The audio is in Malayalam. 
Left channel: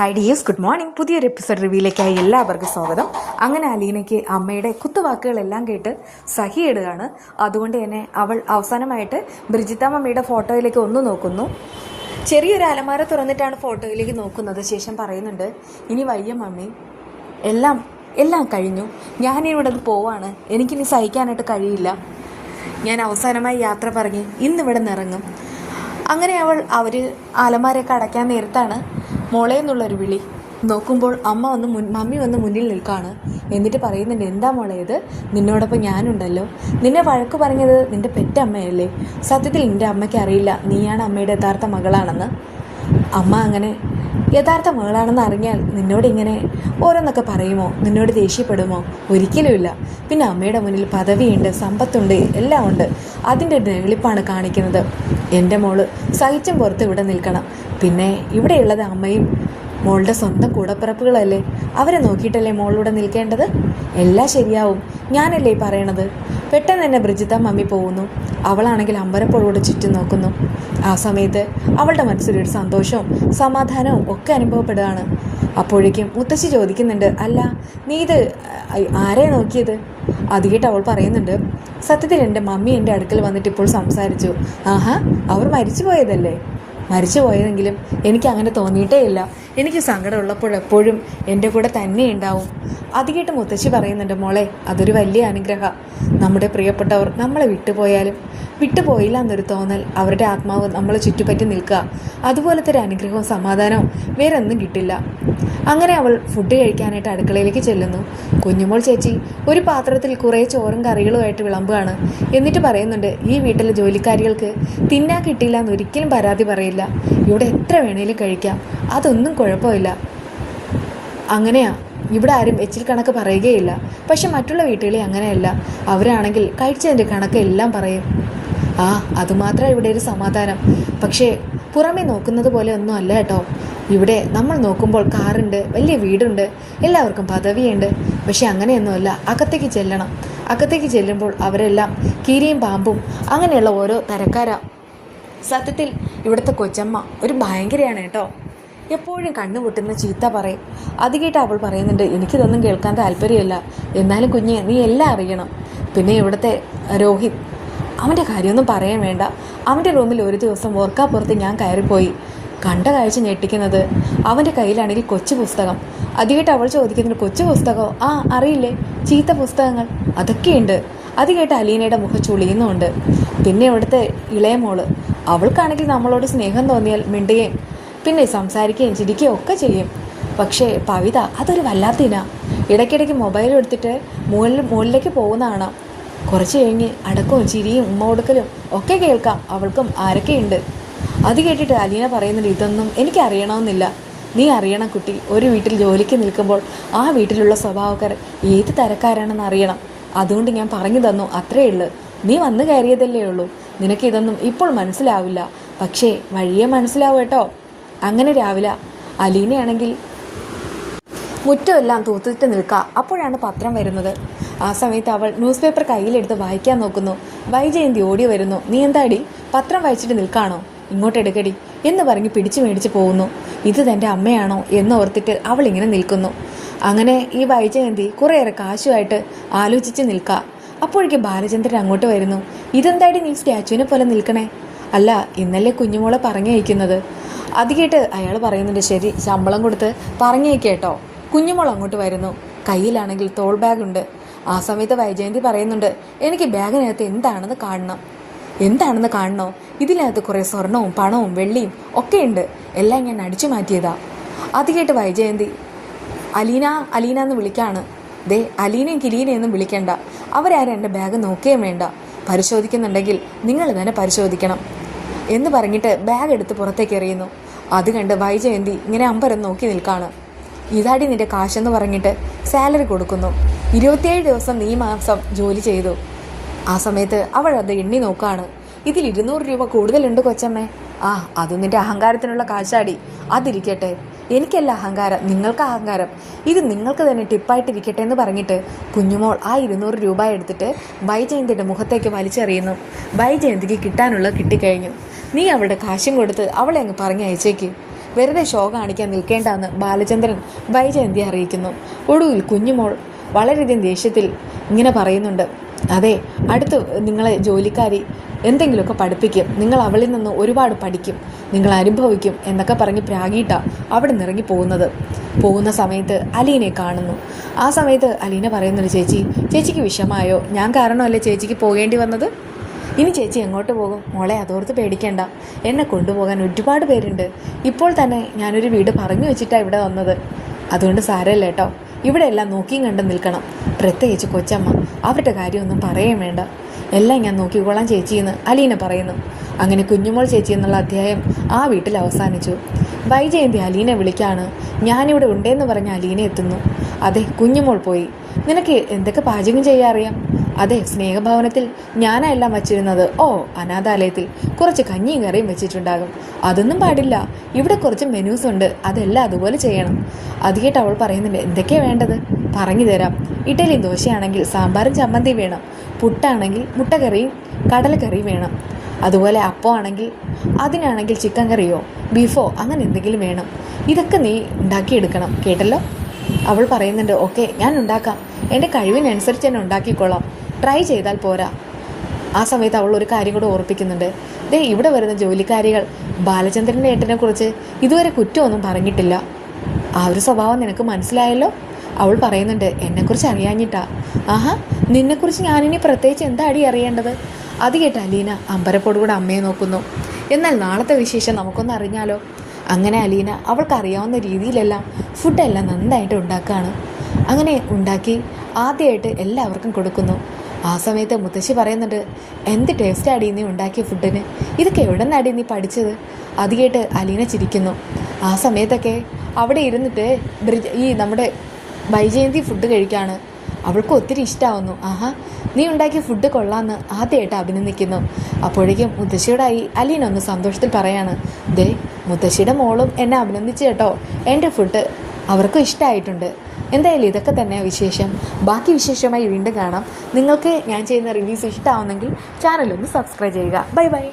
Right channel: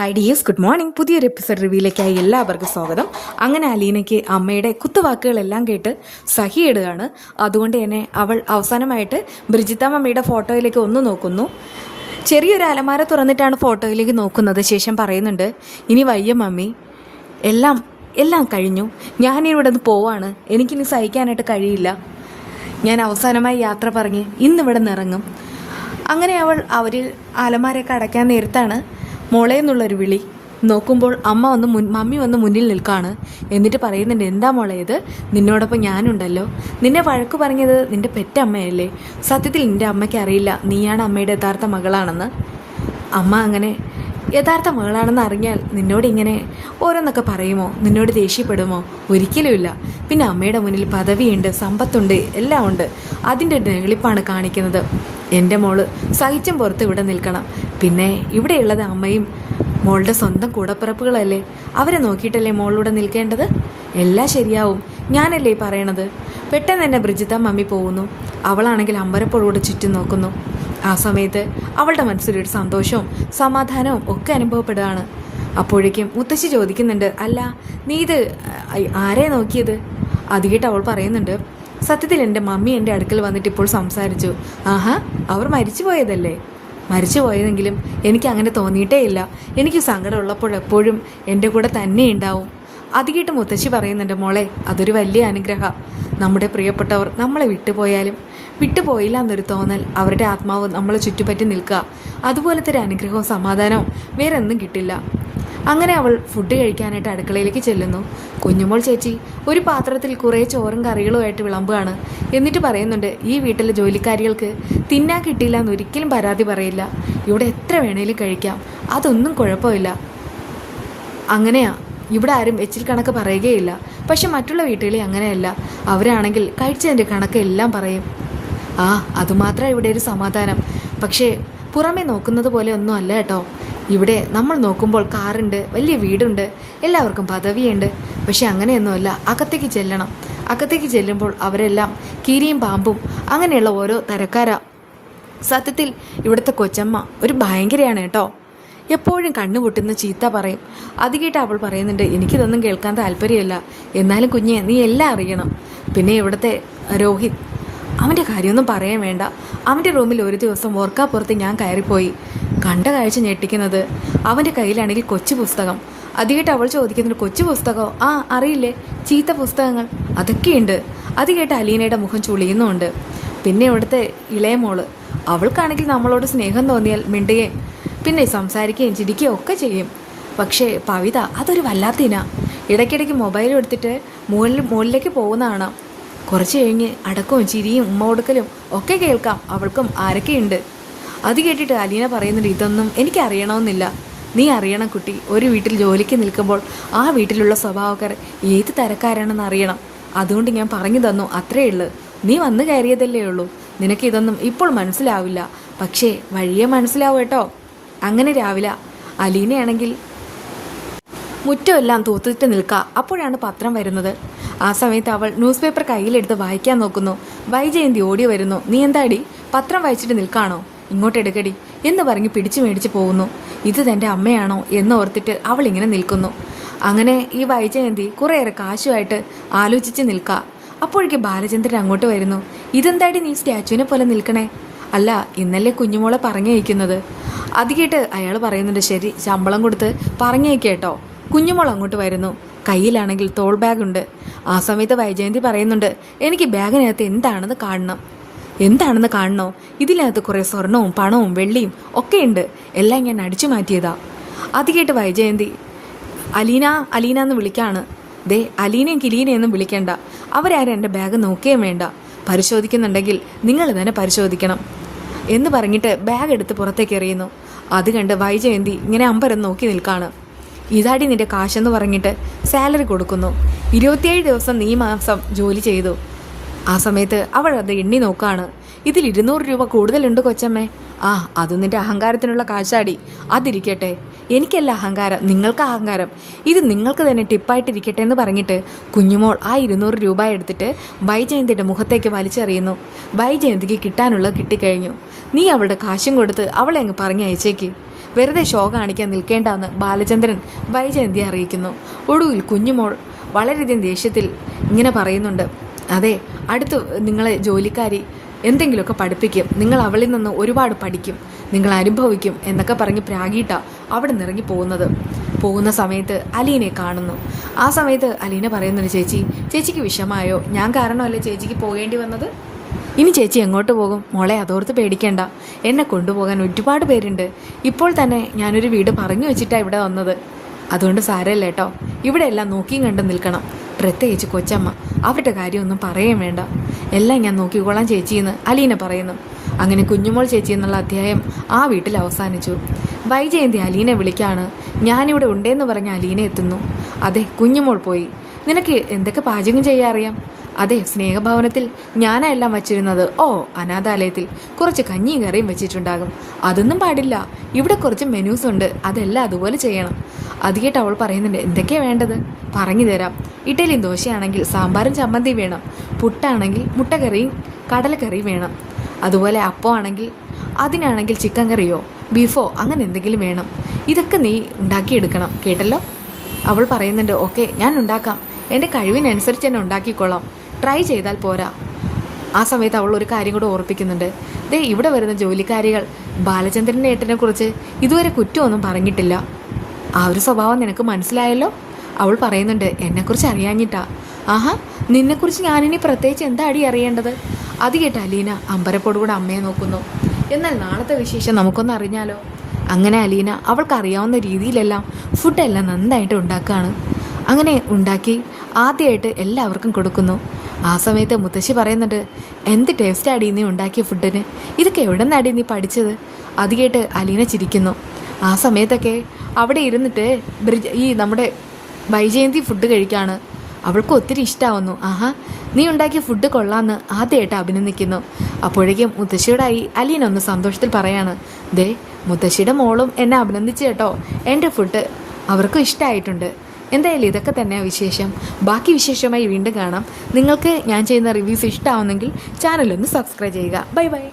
ഹായ് ഡിയേഴ്സ് ഗുഡ് മോർണിംഗ് പുതിയൊരു എപ്പിസോഡ് റിവ്യൂയിലേക്കായി എല്ലാവർക്കും സ്വാഗതം. അങ്ങനെ അലീനയ്ക്ക് അമ്മയുടെ കുത്തുവാക്കുകളെല്ലാം കേട്ട് സഹിയിടുകയാണ്. അതുകൊണ്ട് തന്നെ അവൾ അവസാനമായിട്ട് ബ്രിജിത്ത മമ്മിയുടെ ഫോട്ടോയിലേക്ക് ഒന്ന് നോക്കുന്നു. ചെറിയൊരു അലമാര തുറന്നിട്ടാണ് ഫോട്ടോയിലേക്ക് നോക്കുന്നത് ശേഷം പറയുന്നുണ്ട് ഇനി വയ്യ മമ്മി. എല്ലാം എല്ലാം കഴിഞ്ഞു. ഞാനിവിടെ നിന്ന് പോവാണ്. എനിക്കിനി സഹിക്കാനായിട്ട് കഴിയില്ല. ഞാൻ അവസാനമായി യാത്ര പറഞ്ഞ് ഇന്നിവിടെ നിറങ്ങും. അങ്ങനെ അവൾ അവർ അലമാരയൊക്കെ അടയ്ക്കാൻ നേരത്താണ് മോളെ എന്നുള്ളൊരു വിളി. നോക്കുമ്പോൾ അമ്മ വന്ന് മുൻ മമ്മി വന്ന് മുന്നിൽ നിൽക്കാണ്. എന്നിട്ട് പറയുന്നുണ്ട് എന്താ മോളെ ഇത്? നിന്നോടൊപ്പം ഞാനുണ്ടല്ലോ. നിന്നെ വഴക്ക് പറഞ്ഞത് നിന്റെ പെറ്റമ്മയല്ലേ? സത്യത്തിൽ നിന്റെ അമ്മയ്ക്ക് അറിയില്ല. നീയാണ് അമ്മയുടെ യഥാർത്ഥ മകളാണെന്ന്. അമ്മ അങ്ങനെ യഥാർത്ഥ മകളാണെന്ന് അറിഞ്ഞാൽ നിന്നോട് ഇങ്ങനെ ഓരോന്നൊക്കെ പറയുമോ? നിന്നോട് ദേഷ്യപ്പെടുമോ? ഒരിക്കലുമില്ല. പിന്നെ അമ്മയുടെ മുന്നിൽ പദവിയുണ്ട് സമ്പത്തുണ്ട് എല്ലാം ഉണ്ട്. അതിന്റെ വെളിപ്പാണ് കാണിക്കുന്നത്. എന്റെ മോൾ സഹിച്ചും പുറത്ത് ഇവിടെ നിൽക്കണം. പിന്നെ ഇവിടെയുള്ളത് അമ്മയും മോളുടെ സ്വന്തം കൂടപ്പിറപ്പുകളല്ലേ? അവരെ നോക്കിയിട്ടല്ലേ മോളിലൂടെ നിൽക്കേണ്ടത്? എല്ലാം ശരിയാവും. ഞാനല്ലേ പറയണത്? പെട്ടെന്ന് തന്നെ ബ്രിജിത്ത മമ്മി പോകുന്നു. അവളാണെങ്കിൽ അമ്പരപ്പോളോട് ചുറ്റും നോക്കുന്നു. ആ സമയത്ത് അവളുടെ മനസ്സിലൊരു സന്തോഷവും സമാധാനവും ഒക്കെ അനുഭവപ്പെടുകയാണ്. അപ്പോഴേക്കും മുത്തശ്ശി ചോദിക്കുന്നുണ്ട് അല്ല നീ ഇത് ആരെ നോക്കിയത്? അത് കേട്ട് അവൾ പറയുന്നുണ്ട് സത്യത്തിൽ എന്റെ മമ്മി എന്റെ അടുക്കൽ വന്നിട്ട് ഇപ്പോൾ സംസാരിച്ചു. ആഹാ അവർ മരിച്ചു പോയതല്ലേ മരിച്ചു പോയതെങ്കിലും എനിക്ക് അങ്ങനെ തോന്നിയിട്ടേ ഇല്ല. എനിക്ക് സങ്കടമുള്ളപ്പോഴെപ്പോഴും എന്റെ കൂടെ തന്നെ ഉണ്ടാവും. അത് കേട്ട് മുത്തശ്ശി പറയുന്നുണ്ട് മോളെ അതൊരു വലിയ അനുഗ്രഹം. നമ്മുടെ പ്രിയപ്പെട്ടവർ നമ്മളെ വിട്ടുപോയാലും വിട്ടുപോയില്ല എന്നൊരു തോന്നൽ അവരുടെ ആത്മാവ് നമ്മളെ ചുറ്റുപറ്റി നിൽക്കുക. അതുപോലത്തെ ഒരു അനുഗ്രഹവും സമാധാനവും വേറെ ഒന്നും കിട്ടില്ല. അങ്ങനെ അവൾ ഫുഡ് കഴിക്കാനായിട്ട് അടുക്കളയിലേക്ക് ചെല്ലുന്നു. കുഞ്ഞുമോൾ ചേച്ചി ഒരു പാത്രത്തിൽ കുറേ ചോറും കറികളുമായിട്ട് വിളമ്പുകയാണ്. എന്നിട്ട് പറയുന്നുണ്ട് ഈ വീട്ടിലെ ജോലിക്കാരികൾക്ക് തിന്നാ കിട്ടിയില്ല എന്ന് ഒരിക്കലും പരാതി പറയില്ല. ഇവിടെ എത്ര വേണേലും കഴിക്കാം. അതൊന്നും കുഴപ്പമില്ല. അങ്ങനെയാ. ഇവിടെ ആരും എച്ചിൽ കണക്ക് പറയുകയില്ല. പക്ഷെ മറ്റുള്ള വീട്ടുകളിൽ അങ്ങനെയല്ല. അവരാണെങ്കിൽ കഴിച്ചതിന്റെ കണക്ക് എല്ലാം പറയും. ആ അതുമാത്രം ഇവിടെ ഒരു സമാധാനം. പക്ഷേ പുറമേ നോക്കുന്നത് പോലെ ഒന്നും അല്ല കേട്ടോ. ഇവിടെ നമ്മൾ നോക്കുമ്പോൾ കാറുണ്ട് വലിയ വീടുണ്ട് എല്ലാവർക്കും പദവിയുണ്ട്. പക്ഷെ അങ്ങനെയൊന്നുമല്ല അകത്തേക്ക് ചെല്ലണം. അകത്തേക്ക് ചെല്ലുമ്പോൾ അവരെല്ലാം കീരിയും പാമ്പും അങ്ങനെയുള്ള ഓരോ തരക്കാരാ. സത്യത്തിൽ ഇവിടുത്തെ കൊച്ചമ്മ ഒരു ഭയങ്കരയാണ് കേട്ടോ. എപ്പോഴും കണ്ണുപൊട്ടുന്ന ചീത്ത പറയും. അത് കേട്ട് അവൾ പറയുന്നുണ്ട് എനിക്കിതൊന്നും കേൾക്കാൻ താല്പര്യമല്ല. എന്നാലും കുഞ്ഞെ നീ എല്ലാം അറിയണം. പിന്നെ ഇവിടുത്തെ രോഹിത് അവന്റെ കാര്യമൊന്നും പറയാൻ വേണ്ട. അവന്റെ റൂമിൽ ഒരു ദിവസം ഓർക്കാപ്പുറത്ത് ഞാൻ കയറിപ്പോയി. കണ്ട കാഴ്ച ഞെട്ടിക്കുന്നത് അവന്റെ കയ്യിലാണെങ്കിൽ കൊച്ചു പുസ്തകം. അതുകേട്ട് അവൾ ചോദിക്കുന്നുണ്ട് കൊച്ചു പുസ്തകമോ? ആ അറിയില്ലേ ചീത്ത പുസ്തകങ്ങൾ. അതൊക്കെയുണ്ട്. അത് കേട്ട് അലീനയുടെ മുഖം ചുളിയുന്നുണ്ട് പിന്നെ ഇവിടുത്തെ ഇളയ മോൾ അവൾക്കാണെങ്കിൽ നമ്മളോട് സ്നേഹം തോന്നിയാൽ മിണ്ടുകയും പിന്നെ സംസാരിക്കുകയും ചിരിക്കുകയും ഒക്കെ ചെയ്യും. പക്ഷേ പവിത അതൊരു വല്ലാത്ത ഇന. ഇടയ്ക്കിടയ്ക്ക് മൊബൈൽ എടുത്തിട്ട് മുകളിൽ മുകളിലേക്ക് പോകുന്നതാണ് കുറച്ച് കഴിഞ്ഞ് അടക്കവും ചിരിയും ഉമ്മ കൊടുക്കലും ഒക്കെ കേൾക്കാം. അവൾക്കും ആരൊക്കെയുണ്ട്? അത് കേട്ടിട്ട് അലീന പറയുന്നുണ്ട് ഇതൊന്നും എനിക്ക് അറിയണമെന്നില്ല. നീ അറിയണം കുട്ടി. ഒരു വീട്ടിൽ ജോലിക്ക് നിൽക്കുമ്പോൾ ആ വീട്ടിലുള്ള സ്വഭാവക്കാർ ഏത് തരക്കാരാണെന്ന് അറിയണം. അതുകൊണ്ട് ഞാൻ പറഞ്ഞു തന്നു അത്രേ ഉള്ളൂ. നീ വന്നു കയറിയതല്ലേ ഉള്ളൂ. നിനക്ക് ഇതൊന്നും ഇപ്പോൾ മനസ്സിലാവില്ല. പക്ഷേ വഴിയെ മനസ്സിലാവും കേട്ടോ. അങ്ങനെ രാവിലെ അലീനയാണെങ്കിൽ മുറ്റമെല്ലാം തൂത്തിട്ട് നിൽക്കുക അപ്പോഴാണ് പത്രം വരുന്നത്. ആ സമയത്ത് അവൾ ന്യൂസ് പേപ്പർ കയ്യിലെടുത്ത് വായിക്കാൻ നോക്കുന്നു. വൈജയന്തി ഓടി വരുന്നു. നീ എന്താടി? പത്രം വായിച്ചിട്ട് നിൽക്കാണോ? ഇങ്ങോട്ട് എടുക്കടി എന്ന് പറഞ്ഞ് പിടിച്ചു മേടിച്ച് പോകുന്നു. ഇത് തന്റെ അമ്മയാണോ എന്ന് ഓർത്തിട്ട് അവൾ ഇങ്ങനെ നിൽക്കുന്നു. അങ്ങനെ ഈ വൈജയന്തി കുറേയേറെ കാശുമായിട്ട് ആലോചിച്ച് നിൽക്കുക അപ്പോഴേക്ക് ബാലചന്ദ്രൻ അങ്ങോട്ട് വരുന്നു. ഇതെന്താടി നീ സ്റ്റാച്ചുവിനെ പോലെ നിൽക്കണേ? അല്ല ഇന്നലെ കുഞ്ഞുമോളെ പറഞ്ഞയക്കുന്നത്. അത് കേട്ട് അയാൾ പറയുന്നുണ്ട് ശരി ശമ്പളം കൊടുത്ത് പറഞ്ഞയക്കേട്ടോ കുഞ്ഞുമോൾ അങ്ങോട്ട് വരുന്നു. കയ്യിലാണെങ്കിൽ തോൾ ബാഗുണ്ട്. ആ സമയത്ത് വൈജയന്തി പറയുന്നുണ്ട് എനിക്ക് ബാഗിനകത്ത് എന്താണെന്ന് കാണണം. എന്താണെന്ന് കാണണോ? ഇതിനകത്ത് കുറേ സ്വർണവും പണവും വെള്ളിയും ഒക്കെ ഉണ്ട്. എല്ലാം ഞാൻ അടിച്ചു മാറ്റിയതാ. അത് കേട്ട് വൈജയന്തി അലീന അലീന എന്ന് വിളിക്കാണ്. ദേ അലീനയും കിലീനയൊന്നും വിളിക്കണ്ട. അവരാരും എന്റെ ബാഗ് നോക്കുകയും വേണ്ട. പരിശോധിക്കുന്നുണ്ടെങ്കിൽ നിങ്ങൾ തന്നെ പരിശോധിക്കണം എന്ന് പറഞ്ഞിട്ട് ബാഗ് എടുത്ത് പുറത്തേക്ക് എറിയുന്നു. അത് കണ്ട് വൈജയന്തി ഇങ്ങനെ അമ്പരം നോക്കി നിൽക്കാണ്. ഇതാടി നിന്റെ കാശെന്ന് പറഞ്ഞിട്ട് സാലറി കൊടുക്കുന്നു. ഇരുപത്തിയേഴ് ദിവസം നീ മാസം ജോലി ചെയ്തു. ആ സമയത്ത് അവൾ അത് എണ്ണി നോക്കാണ്. ഇതിൽ ഇരുന്നൂറ് രൂപ കൂടുതലുണ്ട് കൊച്ചമ്മേ? ആ അത് നിന്റെ അഹങ്കാരത്തിനുള്ള കാശാടി. അതിരിക്കട്ടെ. എനിക്കല്ല അഹങ്കാരം നിങ്ങൾക്ക് അഹങ്കാരം. ഇത് നിങ്ങൾക്ക് തന്നെ ടിപ്പായിട്ടിരിക്കട്ടെ എന്ന് പറഞ്ഞിട്ട് കുഞ്ഞുമോൾ ആ ഇരുന്നൂറ് രൂപ എടുത്തിട്ട് വൈജയന്തിയുടെ മുഖത്തേക്ക് വലിച്ചെറിയുന്നു. വൈജയന്തിക്ക് കിട്ടാനുള്ളത് കിട്ടിക്കഴിഞ്ഞു. നീ അവളുടെ കാശും കൊടുത്ത് അവളെ അങ്ങ് പറഞ്ഞയച്ചേക്ക് വെറുതെ ഷോ കാണിക്കാൻ നിൽക്കേണ്ടെന്ന് ബാലചന്ദ്രൻ വൈജയന്തി അറിയിക്കുന്നു. ഒടുവിൽ കുഞ്ഞുമോൾ വളരെയധികം ദേഷ്യത്തിൽ ഇങ്ങനെ പറയുന്നുണ്ട്. അതെ അടുത്ത് നിങ്ങളെ ജോലിക്കാരി എന്തെങ്കിലുമൊക്കെ പഠിപ്പിക്കും. നിങ്ങൾ അവളിൽ നിന്ന് ഒരുപാട് പഠിക്കും. നിങ്ങൾ അനുഭവിക്കും എന്നൊക്കെ പറഞ്ഞ് പ്രാഗീട്ട അവിടെ നിറങ്ങി പോകുന്നത്. പോകുന്ന സമയത്ത് അലീനെ കാണുന്നു. ആ സമയത്ത് അലീന പറയുന്നുണ്ട് ചേച്ചി ചേച്ചിക്ക് വിഷമായോ? ഞാൻ കാരണമല്ലേ ചേച്ചിക്ക് പോകേണ്ടി വന്നത്? ഇനി ചേച്ചി എങ്ങോട്ട് പോകും? മോളെ അതോർത്ത് പേടിക്കേണ്ട. എന്നെ കൊണ്ടുപോകാൻ ഒരുപാട് പേരുണ്ട്. ഇപ്പോൾ തന്നെ ഞാനൊരു വീട് പറഞ്ഞു വെച്ചിട്ടാണ് ഇവിടെ വന്നത്. അതുകൊണ്ട് സാരമില്ല കേട്ടോ. ഇവിടെ എല്ലാം നോക്കിയും കണ്ടും നിൽക്കണം. പ്രത്യേകിച്ച് കൊച്ചമ്മ അവരുടെ കാര്യമൊന്നും പറയാൻ വേണ്ട. എല്ലാം ഞാൻ നോക്കിക്കോളാം ചേച്ചിയെന്ന് അലീന പറയുന്നു. അങ്ങനെ കുഞ്ഞുമോൾ ചേച്ചി എന്നുള്ള അധ്യായം ആ വീട്ടിൽ അവസാനിച്ചു. വൈജയന്തി അലീനെ വിളിക്കാണ്. ഞാനിവിടെ ഉണ്ടേന്ന് പറഞ്ഞ അലീന എത്തുന്നു. അതെ കുഞ്ഞുമോൾ പോയി. നിനക്ക് എന്തൊക്കെ പാചകം ചെയ്യാൻ അറിയാം? അതെ സ്നേഹഭവനത്തിൽ ഞാനാ എല്ലാം വച്ചിരുന്നത്. ഓ അനാഥാലയത്തിൽ കുറച്ച് കഞ്ഞിയും കറിയും വെച്ചിട്ടുണ്ടാകും. അതൊന്നും പാടില്ല. ഇവിടെ കുറച്ച് മെനൂസ് ഉണ്ട്. അതെല്ലാം അതുപോലെ ചെയ്യണം. അത് കേട്ട് അവൾ പറയുന്നുണ്ട് എന്തൊക്കെയാണ് വേണ്ടത്? പറഞ്ഞു തരാം. ഇഡലിയും ദോശയാണെങ്കിൽ സാമ്പാറും ചമ്മന്തിയും വേണം. പുട്ടാണെങ്കിൽ മുട്ടക്കറിയും കടലക്കറിയും വേണം. അതുപോലെ അപ്പമാണെങ്കിൽ അതിനാണെങ്കിൽ ചിക്കൻ കറിയോ ബീഫോ അങ്ങനെ എന്തെങ്കിലും വേണം. ഇതൊക്കെ നീ ഉണ്ടാക്കിയെടുക്കണം കേട്ടല്ലോ? അവൾ പറയുന്നുണ്ട് ഓക്കെ ഞാൻ ഉണ്ടാക്കാം. എന്റെ കഴിവിനനുസരിച്ച് തന്നെ ഉണ്ടാക്കിക്കൊള്ളാം ട്രൈ ചെയ്താൽ പോരാ. ആ സമയത്ത് അവൾ ഒരു കാര്യം കൂടെ ഓർപ്പിക്കുന്നുണ്ട്. ദേ ഇവിടെ വരുന്ന ജോലിക്കാരികൾ ബാലചന്ദ്രന്റെ ഏട്ടനെ കുറിച്ച് ഇതുവരെ കുറ്റമൊന്നും പറഞ്ഞിട്ടില്ല. ആ ഒരു സ്വഭാവം നിനക്ക് മനസ്സിലായല്ലോ? അവൾ പറയുന്നുണ്ട് എന്നെക്കുറിച്ച് അറിയാഞ്ഞിട്ടാ. ആഹാ നിന്നെക്കുറിച്ച് ഞാനിനി പ്രത്യേകിച്ച് എന്താ അടി അറിയേണ്ടത്? അത് കേട്ട് അലീന അമ്പരപ്പോടുകൂടെ അമ്മയെ നോക്കുന്നു. എന്നാൽ നാളത്തെ വിശേഷം നമുക്കൊന്ന് അറിഞ്ഞാലോ? അങ്ങനെ അലീന അവൾക്കറിയാവുന്ന രീതിയിലെല്ലാം ഫുഡെല്ലാം നന്നായിട്ട് ഉണ്ടാക്കുകയാണ് അങ്ങനെ ഉണ്ടാക്കി ആദ്യമായിട്ട് എല്ലാവർക്കും കൊടുക്കുന്നു. ആ സമയത്ത് മുത്തശ്ശി പറയുന്നുണ്ട് എന്ത് ടേസ്റ്റ് ആടി നീ ഉണ്ടാക്കിയ ഫുഡിന്? ഇതൊക്കെ എവിടെ നിന്നാടി നീ പഠിച്ചത്? അത് കേട്ട് അലീന ചിരിക്കുന്നു. ആ സമയത്തൊക്കെ അവിടെ ഇരുന്നിട്ട് ഈ നമ്മുടെ വൈജയന്തി ഫുഡ് കഴിക്കാണ്. അവൾക്ക് ഒത്തിരി ഇഷ്ടമാവുന്നു ആഹാ നീ ഉണ്ടാക്കിയ ഫുഡ് കൊള്ളാമെന്ന് ആദ്യമായിട്ട് അഭിനന്ദിക്കുന്നു. അപ്പോഴേക്കും മുത്തശ്ശിയോടായി അലീന ഒന്ന് സന്തോഷത്തിൽ പറയാണ്. ദേ മുത്തശ്ശിയുടെ മോളും എന്നെ അഭിനന്ദിച്ചു കേട്ടോ. എന്റെ ഫുഡ് അവർക്കും ഇഷ്ടമായിട്ടുണ്ട് എന്തായാലും ഇതൊക്കെ തന്നെ വിശേഷം. ബാക്കി വിശേഷമായി വീണ്ടും കാണാം. നിങ്ങൾക്ക് ഞാൻ ചെയ്യുന്ന റിവ്യൂസ് ഇഷ്ടമാവുന്നെങ്കിൽ ചാനലൊന്ന് സബ്സ്ക്രൈബ് ചെയ്യുക. Bye bye